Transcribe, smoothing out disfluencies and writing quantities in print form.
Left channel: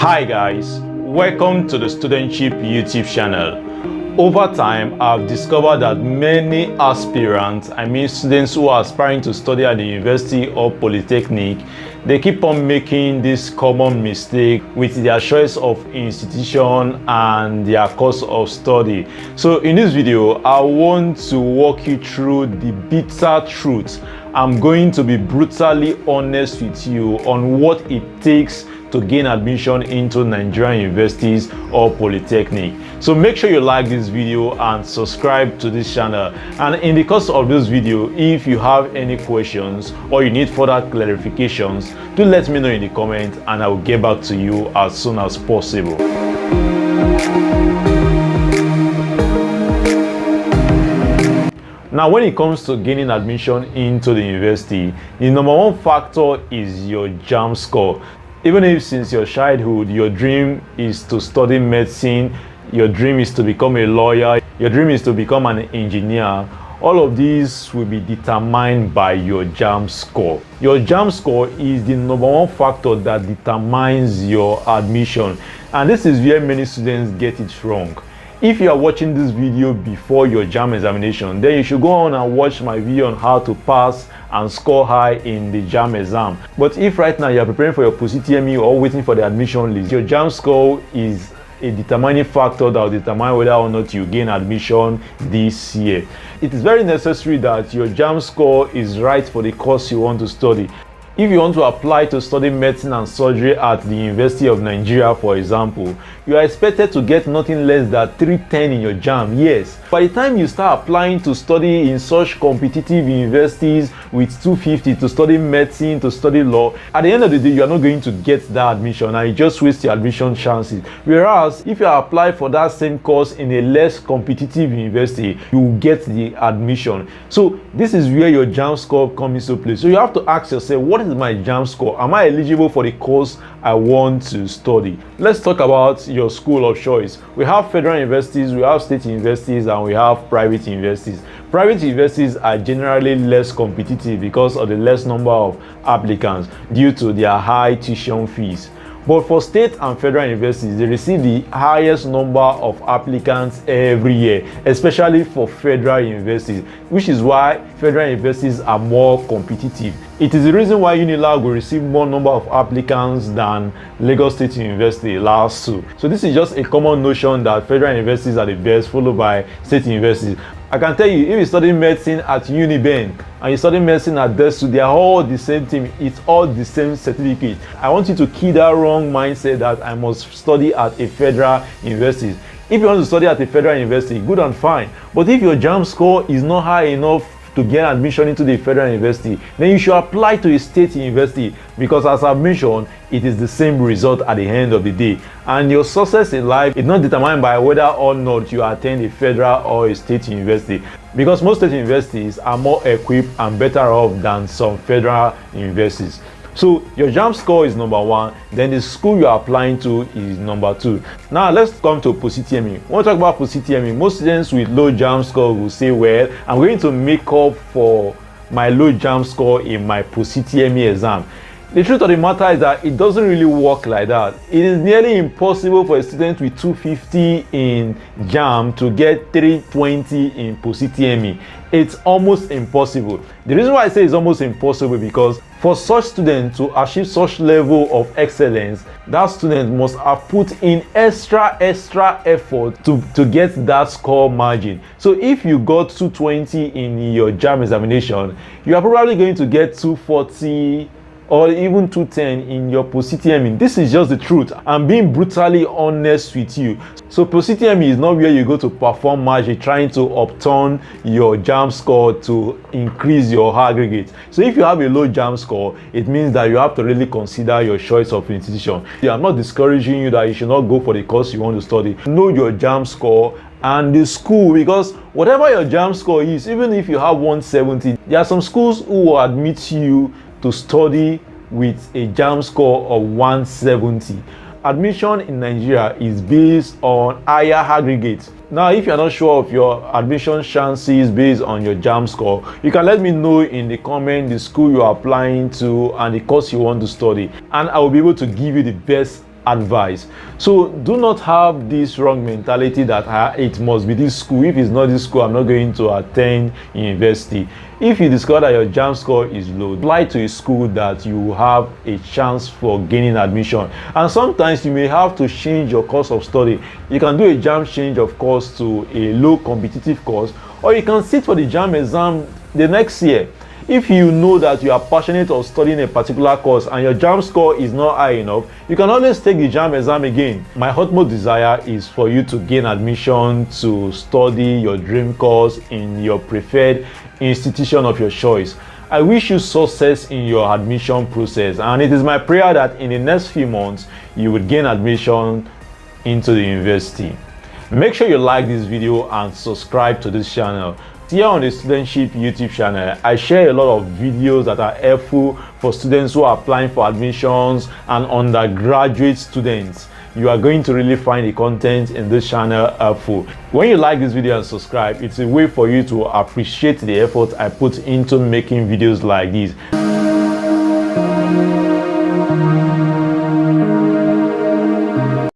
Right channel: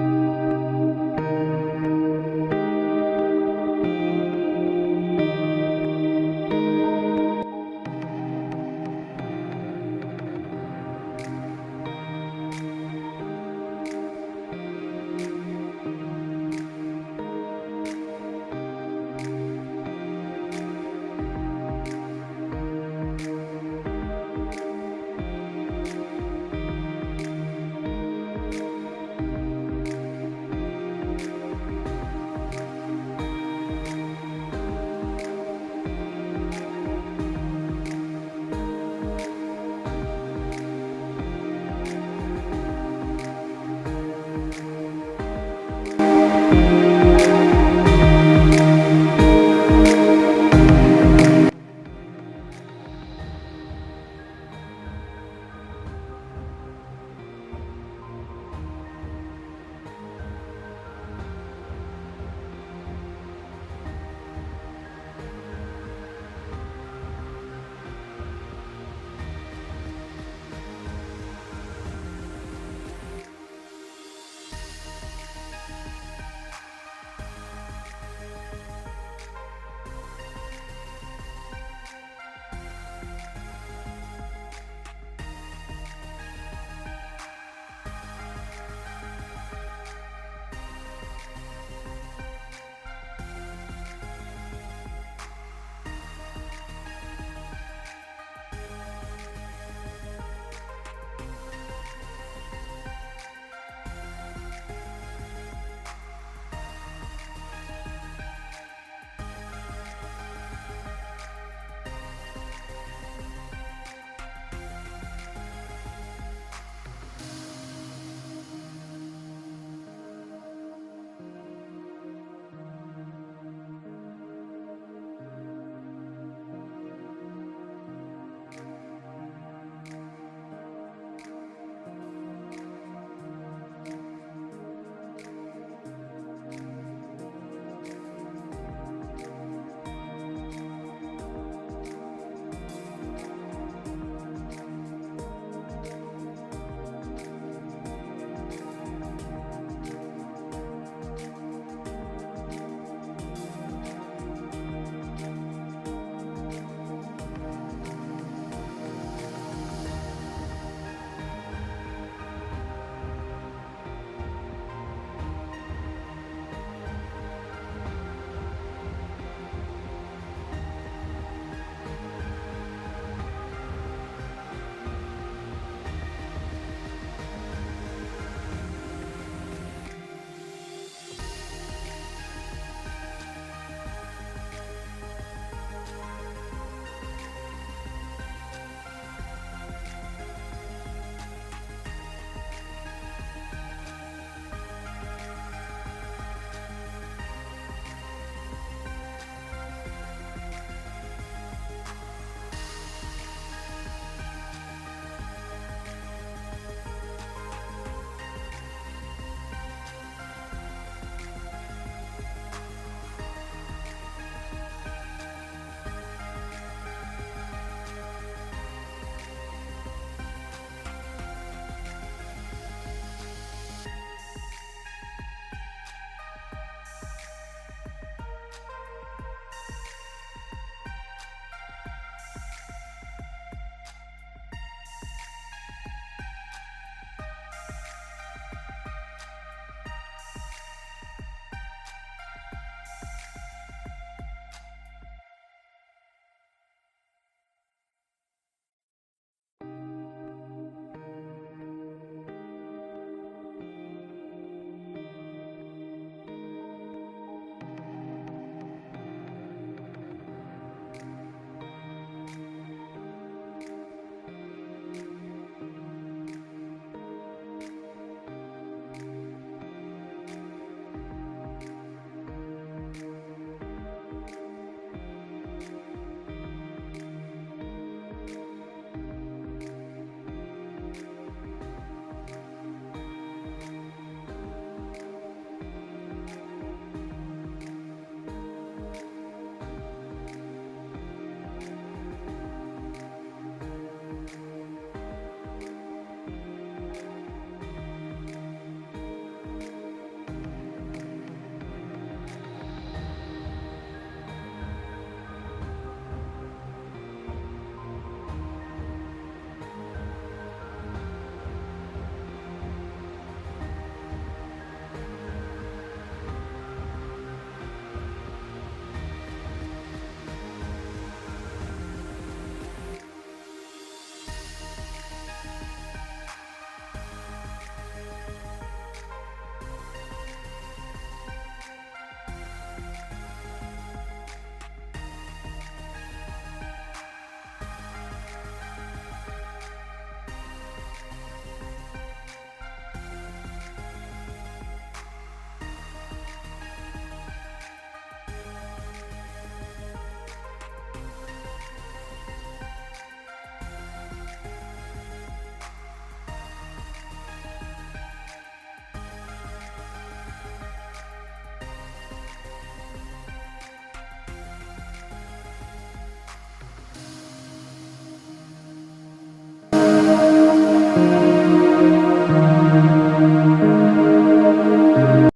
Hi guys, welcome to the Studentship YouTube channel. Over time, I've discovered that many aspirants, students who are aspiring to study at the university or polytechnic, they keep on making this common mistake with their choice of institution and their course of study. So in this video, I want to walk you through the bitter truth. I'm going to be brutally honest with you on what it takes to gain admission into Nigerian universities or polytechnic. So make sure you like this video and subscribe to this channel. And in the course of this video, if you have any questions or you need further clarifications, do let me know in the comments and I will get back to you as soon as possible. Now, when it comes to gaining admission into the university, the number one factor is your JAMB score. Even if since your childhood, your dream is to study medicine, your dream is to become a lawyer, your dream is to become an engineer, all of these will be determined by your JAMB score. Your JAMB score is the number one factor that determines your admission. And this is where many students get it wrong. If you are watching this video before your JAMB examination, then you should go on and watch my video on how to pass and score high in the JAMB exam. But if right now you are preparing for your post-UTME or waiting for the admission list, your JAMB score is a determining factor that will determine whether or not you gain admission this year. It is very necessary that your JAMB score is right for the course you want to study. If you want to apply to study medicine and surgery at the University of Nigeria, for example, you are expected to get nothing less than 310 in your JAMB, yes. By the time you start applying to study in such competitive universities with 250 to study medicine, to study law, at the end of the day, you are not going to get that admission and you just waste your admission chances. Whereas, if you apply for that same course in a less competitive university, you will get the admission. So, this is where your JAMB score comes into play. So, you have to ask yourself, what is my JAMB score? Am I eligible for the course I want to study? Let's talk about your school of choice. We have federal universities, we have state universities, and we have private universities. Private universities are generally less competitive because of the less number of applicants due to their high tuition fees. But for state and federal universities, they receive the highest number of applicants every year, especially for federal universities, which is why federal universities are more competitive. It is the reason why Unilag will receive more number of applicants than Lagos State University last two. So this is just a common notion that federal universities are the best, followed by state universities. I can tell you, if you study medicine at Uniben and you study medicine at DESU, they are all the same thing. It's all the same certificate. I want you to kill that wrong mindset that I must study at a federal university. If you want to study at a federal university, good and fine. But if your JAMB score is not high enough to get admission into the federal university, then you should apply to a state university, because as I've mentioned, it is the same result at the end of the day. And your success in life is not determined by whether or not you attend a federal or a state university, because most state universities are more equipped and better off than some federal universities. So your JAMB score is number one, then the school you are applying to is number two. Now let's come to post-UTME. When we talk about post-UTME, most students with low JAMB score will say, well, I'm going to make up for my low JAMB score in my post-UTME exam. The truth of the matter is that it doesn't really work like that. It is nearly impossible for a student with 250 in JAMB to get 320 in post-UTME. It's almost impossible. The reason why I say it's almost impossible because for such student to achieve such level of excellence, that student must have put in extra effort to get that score margin. So if you got 220 in your JAMB examination, you are probably going to get 240 or even 210 in your post-UTME. This is just the truth. I'm being brutally honest with you. So post-UTME is not where you go to perform magic trying to upturn your JAMB score to increase your aggregate. So if you have a low JAMB score, it means that you have to really consider your choice of institution. I'm not discouraging you that you should not go for the course you want to study. Know your JAMB score and the school, because whatever your JAMB score is, even if you have 170, there are some schools who will admit you to study with a JAMB score of 170. Admission in Nigeria is based on higher aggregates. Now, if you're not sure of your admission chances based on your JAMB score, you can let me know in the comment the school you're applying to and the course you want to study, and I will be able to give you the best advice. So do not have this wrong mentality that it must be this school. If it's not this school, I'm not going to attend university. If you discover that your JAMB score is low, apply to a school that you have a chance for gaining admission. And sometimes you may have to change your course of study. You can do a JAMB change of course to a low competitive course, or you can sit for the JAMB exam the next year. If you know that you are passionate of studying a particular course and your JAMB score is not high enough, you can always take the JAMB exam again. My utmost desire is for you to gain admission to study your dream course in your preferred institution of your choice. I wish you success in your admission process, and it is my prayer that in the next few months you would gain admission into the university. Make sure you like this video and subscribe to this channel. Here on the Studentship YouTube channel, I share a lot of videos that are helpful for students who are applying for admissions and undergraduate students. You are going to really find the content in this channel helpful. When you like this video and subscribe, it's a way for you to appreciate the effort I put into making videos like this.